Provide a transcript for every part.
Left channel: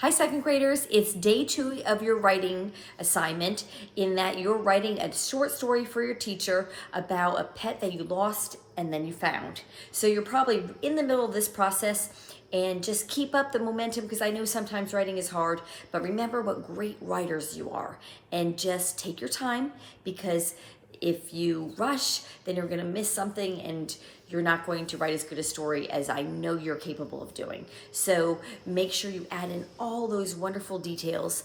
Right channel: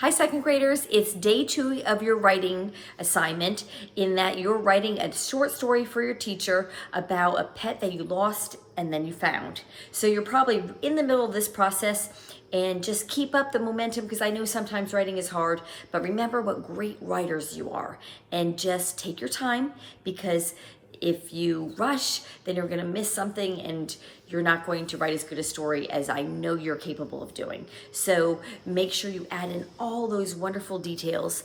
Hi, second graders. It's day 2 of your writing assignment, in that you're writing a short story for your teacher about a pet that you lost and then you found. So you're probably in the middle of this process, and just keep up the momentum, because I know sometimes writing is hard, but remember what great writers you are, and just take your time, because if you rush, then you're going to miss something and you're not going to write as good a story as I know you're capable of doing. So make sure you add in all those wonderful details.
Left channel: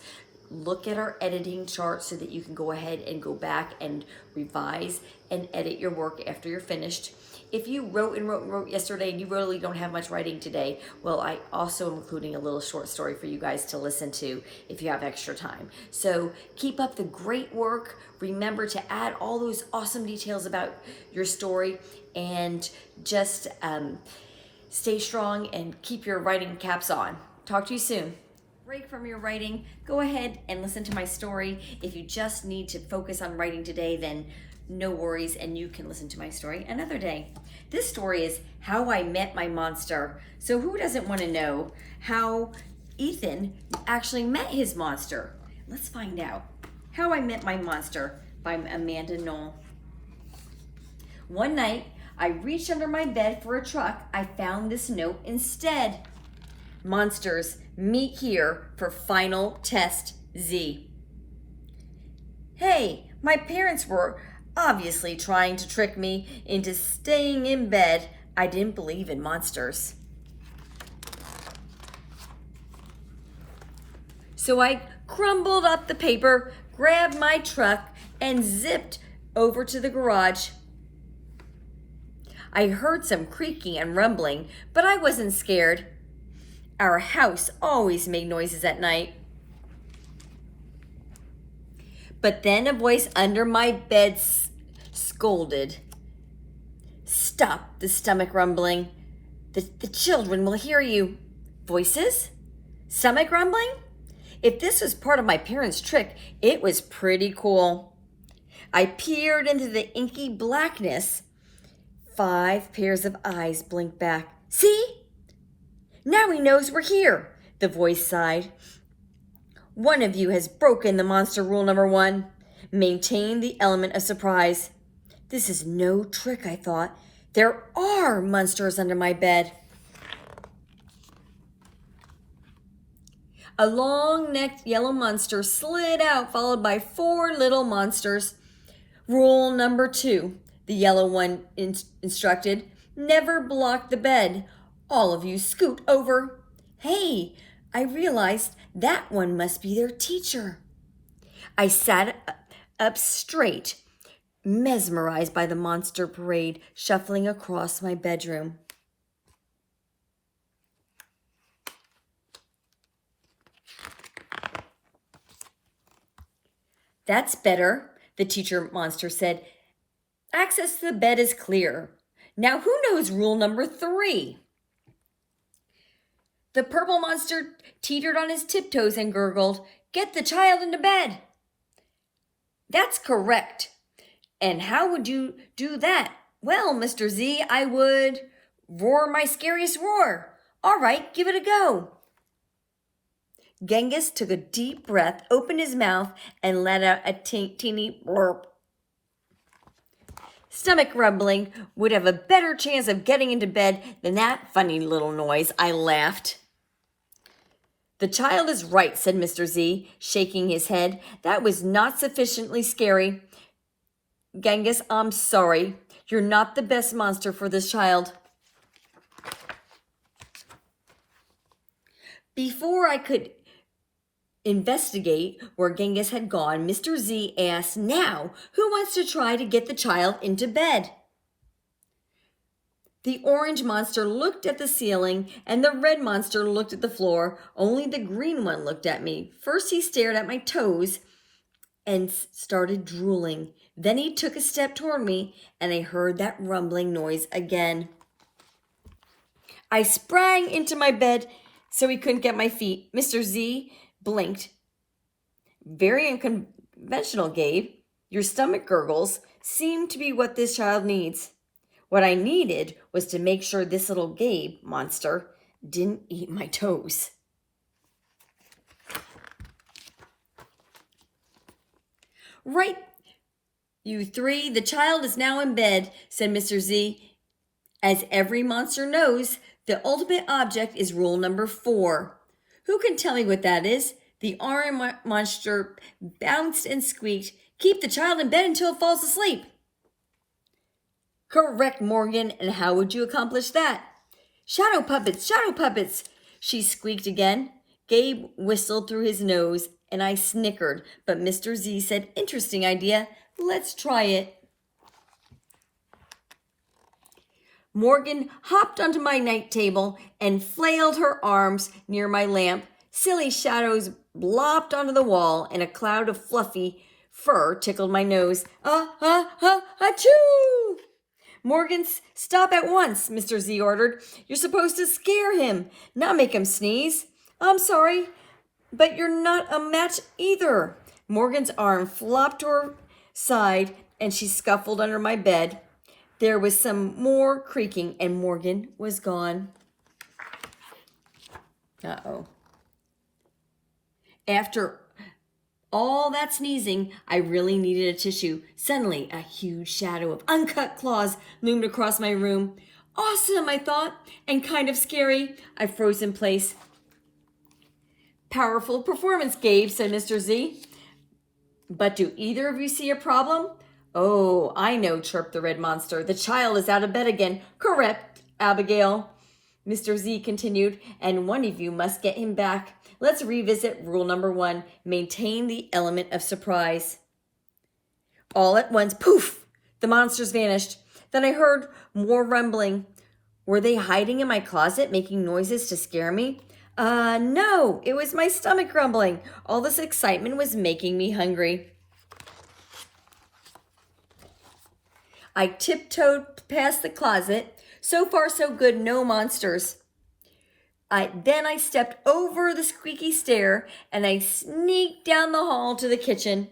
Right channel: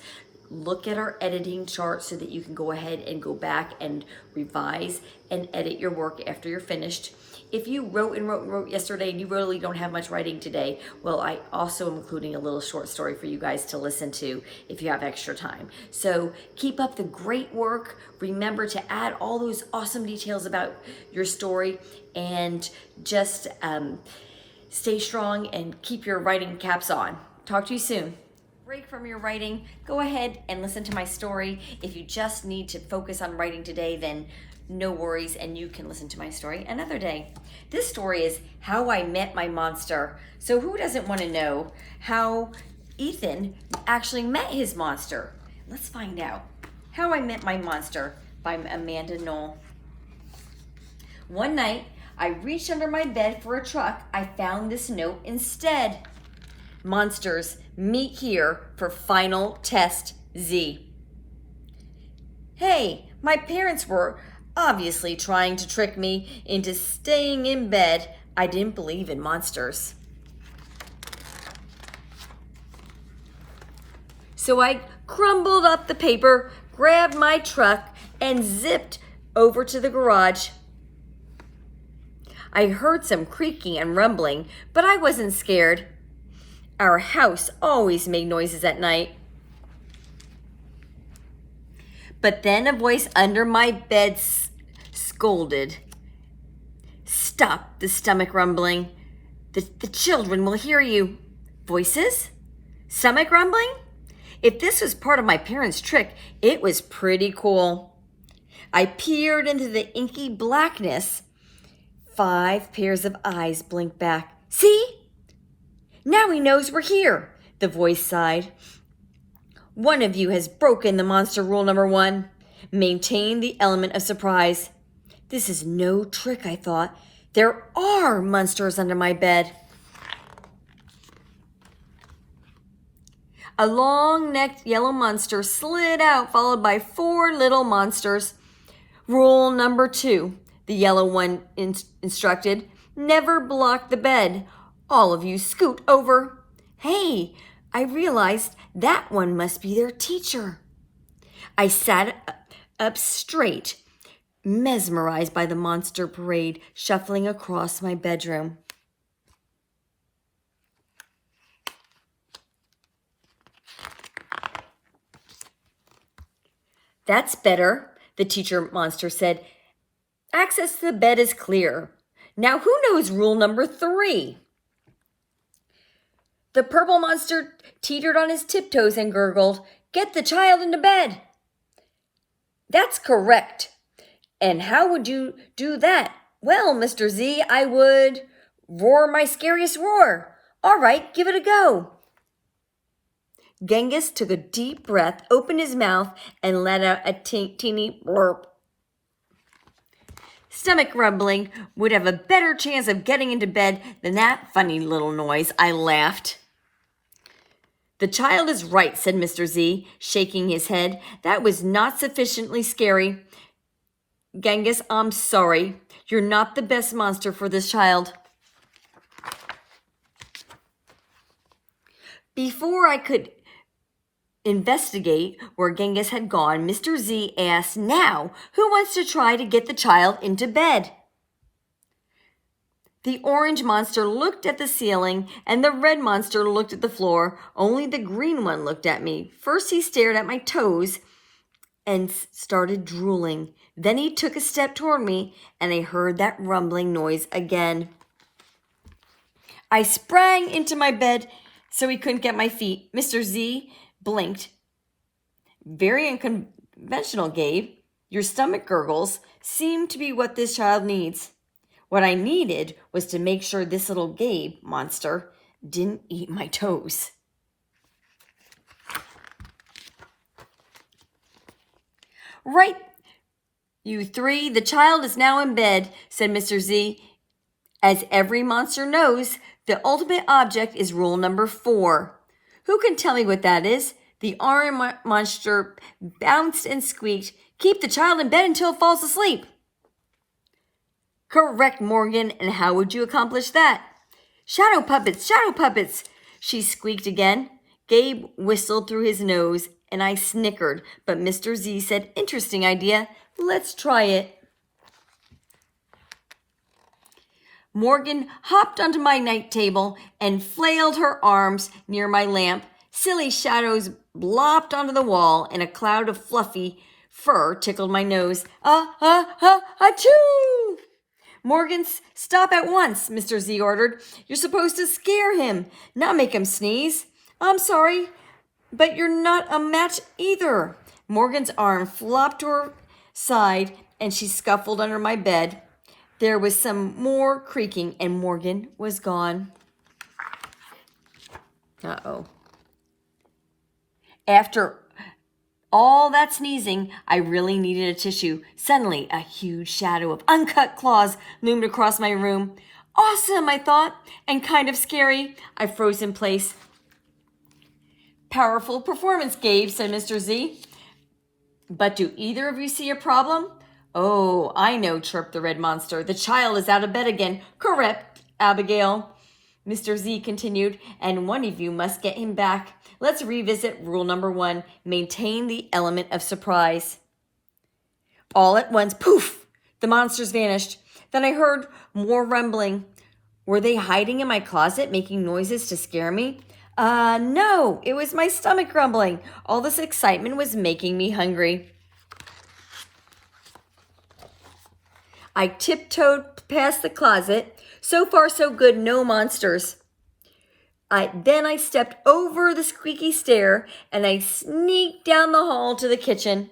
Look at our editing chart so that you can go ahead and go back and revise and edit your work after you're finished. If you wrote yesterday and you really don't have much writing today, well, I also am including a little short story for you guys to listen to if you have extra time. So keep up the great work. Remember to add all those awesome details about your story, and just stay strong and keep your writing caps on. Talk to you soon. Break from your writing, go ahead and listen to my story. If you just need to focus on writing today, then no worries, and you can listen to my story another day. This story is How I Met My Monster. So who doesn't want to know how Ethan actually met his monster? Let's find out. How I Met My Monster by Amanda Knoll. One night, I reached under my bed for a truck. I found this note instead. Monsters, meet here for final test Z. Hey, my parents were obviously trying to trick me into staying in bed. I didn't believe in monsters. So I crumbled up the paper, grabbed my truck, and zipped over to the garage. I heard some creaking and rumbling, but I wasn't scared. Our house always made noises at night. But then a voice under my bed scolded. Stop the stomach rumbling. The children will hear you. Voices? Stomach rumbling? If this was part of my parents' trick, it was pretty cool. I peered into the inky blackness. 5 pairs of eyes blinked back. See? Now he knows we're here, the voice sighed. One of you has broken the monster rule number 1. Maintain the element of surprise. This is no trick, I thought. There are monsters under my bed. A long-necked yellow monster slid out, followed by 4 little monsters. Rule number 2, the yellow one instructed. Never block the bed. All of you scoot over. Hey, I realized that one must be their teacher. I sat up straight, mesmerized by the monster parade shuffling across my bedroom. That's better, the teacher monster said. Access to the bed is clear. Now who knows rule number 3? The purple monster teetered on his tiptoes and gurgled, Get the child into bed. That's correct. And how would you do that? Well, Mr. Z, I would roar my scariest roar. All right, give it a go. Genghis took a deep breath, opened his mouth, and let out a teeny blurp. Stomach rumbling would have a better chance of getting into bed than that funny little noise, I laughed. The child is right, said Mr. Z, shaking his head. That was not sufficiently scary. Genghis, I'm sorry. You're not the best monster for this child. Before I could investigate where Genghis had gone, Mr. Z asked, Now, who wants to try to get the child into bed? The orange monster looked at the ceiling, and the red monster looked at the floor. Only the green one looked at me. First, he stared at my toes and started drooling. Then he took a step toward me, and I heard that rumbling noise again. I sprang into my bed so he couldn't get my feet. Mr. Z blinked. Very unconventional, Gabe. Your stomach gurgles seem to be what this child needs. What I needed was to make sure this little Gabe monster didn't eat my toes. Right, you three, the child is now in bed, said Mr. Z. As every monster knows, the ultimate object is rule number 4. Who can tell me what that is? The orange monster bounced and squeaked. Keep the child in bed until it falls asleep. Correct, Morgan. And how would you accomplish that? Shadow puppets, she squeaked again. Gabe whistled through his nose, and I snickered, but Mr. Z said, interesting idea. Let's try it. Morgan hopped onto my night table and flailed her arms near my lamp. Silly shadows blopped onto the wall, and a cloud of fluffy fur tickled my nose. Achoo! Morgan, stop at once, Mr. Z ordered. You're supposed to scare him, not make him sneeze. I'm sorry, but you're not a match either. Morgan's arm flopped to her side, and she scuffled under my bed. There was some more creaking, and Morgan was gone. Uh-oh. After all that sneezing, I really needed a tissue. Suddenly, a huge shadow of uncut claws loomed across my room. Awesome, I thought, and kind of scary. I froze in place. Powerful performance, Gabe, said Mr. Z. But do either of you see a problem? Oh, I know, chirped the red monster. The child is out of bed again. Correct, Abigail. Mr. Z continued, and one of you must get him back. Let's revisit rule number 1. Maintain the element of surprise. All at once, poof, the monsters vanished. Then I heard more rumbling. Were they hiding in my closet, making noises to scare me? No, it was my stomach grumbling. All this excitement was making me hungry. I tiptoed past the closet. So far, so good, no monsters. Then I stepped over the squeaky stair and I sneaked down the hall to the kitchen.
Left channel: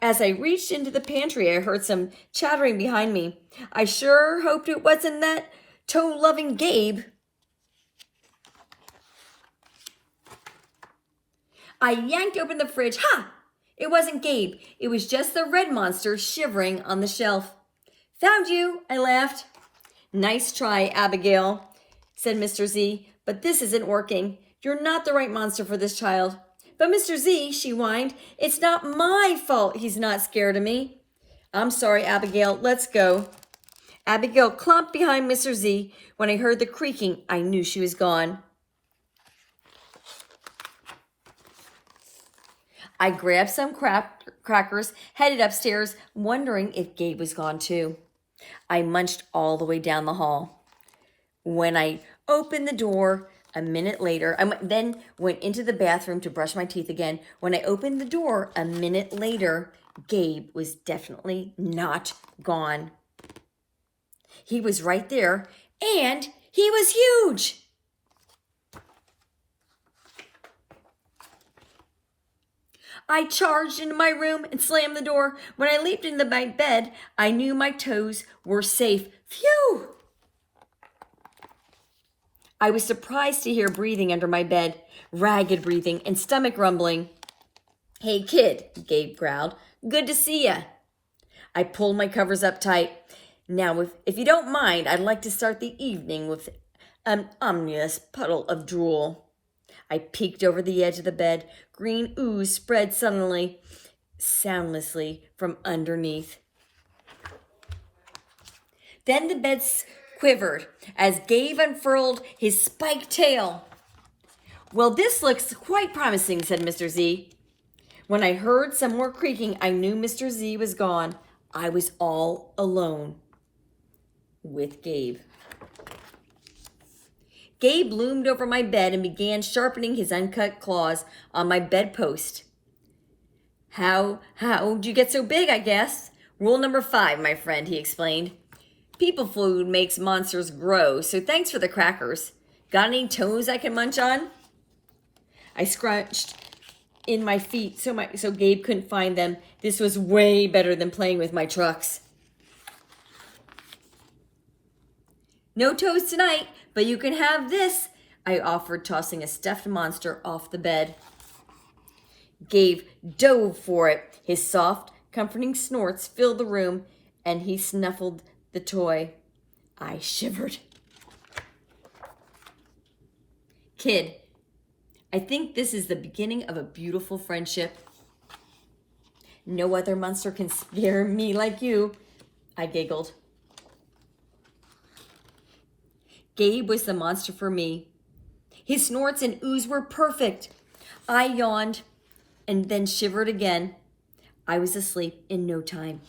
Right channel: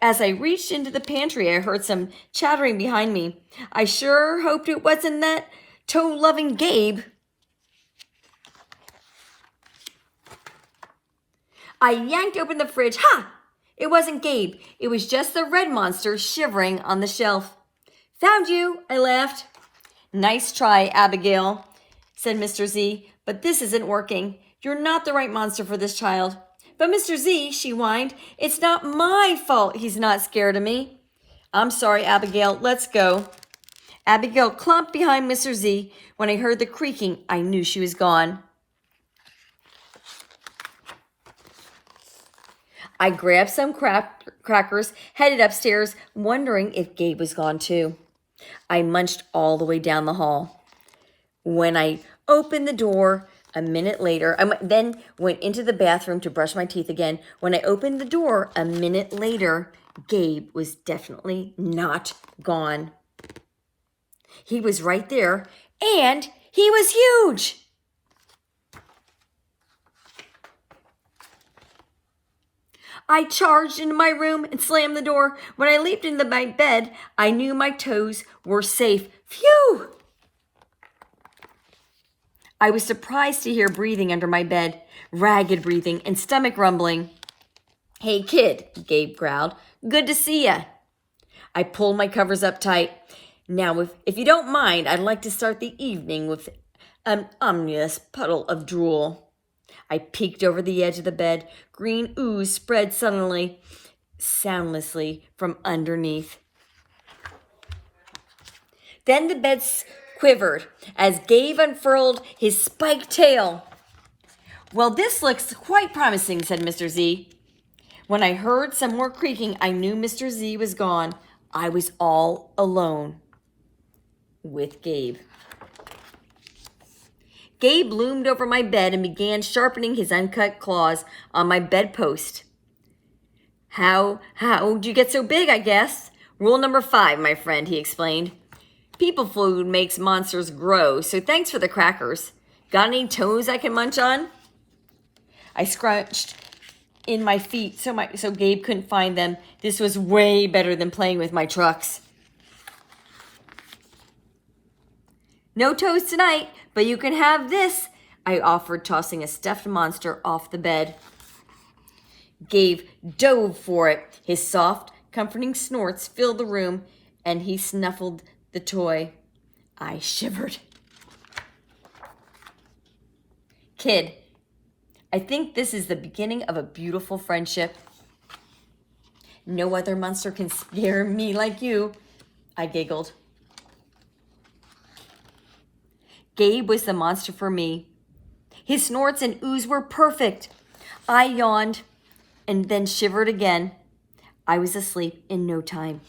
As I reached into the pantry, I heard some chattering behind me. I sure hoped it wasn't that toe-loving Gabe. I yanked open the fridge. Ha! It wasn't Gabe. It was just the red monster shivering on the shelf. Found you, I laughed. Nice try, Abigail, said Mr. Z, but this isn't working. You're not the right monster for this child. But Mr. Z, she whined, it's not my fault he's not scared of me. I'm sorry, Abigail, let's go. Abigail clumped behind Mr. Z. When I heard the creaking, I knew she was gone. I grabbed some crackers, headed upstairs, wondering if Gabe was gone too. I munched all the way down the hall. When I opened the door a minute later, I then went into the bathroom to brush my teeth again. When I opened the door a minute later, Gabe was definitely not gone. He was right there, and he was huge. I charged into my room and slammed the door. When I leaped into my bed, I knew my toes were safe. Phew! I was surprised to hear breathing under my bed, ragged breathing and stomach rumbling. Hey, kid, Gabe growled. Good to see ya. I pulled my covers up tight. Now, if you don't mind, I'd like to start the evening with an ominous puddle of drool. I peeked over the edge of the bed. Green ooze spread soundlessly from underneath. Then the bed quivered as Gabe unfurled his spiked tail. Well, this looks quite promising, said Mr. Z. When I heard some more creaking, I knew Mr. Z was gone. I was all alone with Gabe. Gabe loomed over my bed and began sharpening his uncut claws on my bedpost. How'd you get so big, I guess? Rule number 5, my friend, he explained. People food makes monsters grow, so thanks for the crackers. Got any toes I can munch on? I scrunched in my feet so Gabe couldn't find them. This was way better than playing with my trucks. No toes tonight, but you can have this, I offered, tossing a stuffed monster off the bed. Gabe dove for it. His soft, comforting snorts filled the room, and he snuffled the toy. I shivered. Kid, I think this is the beginning of a beautiful friendship. No other monster can scare me like you, I giggled. Gabe was the monster for me. His snorts and oohs were perfect. I yawned and then shivered again. I was asleep in no time.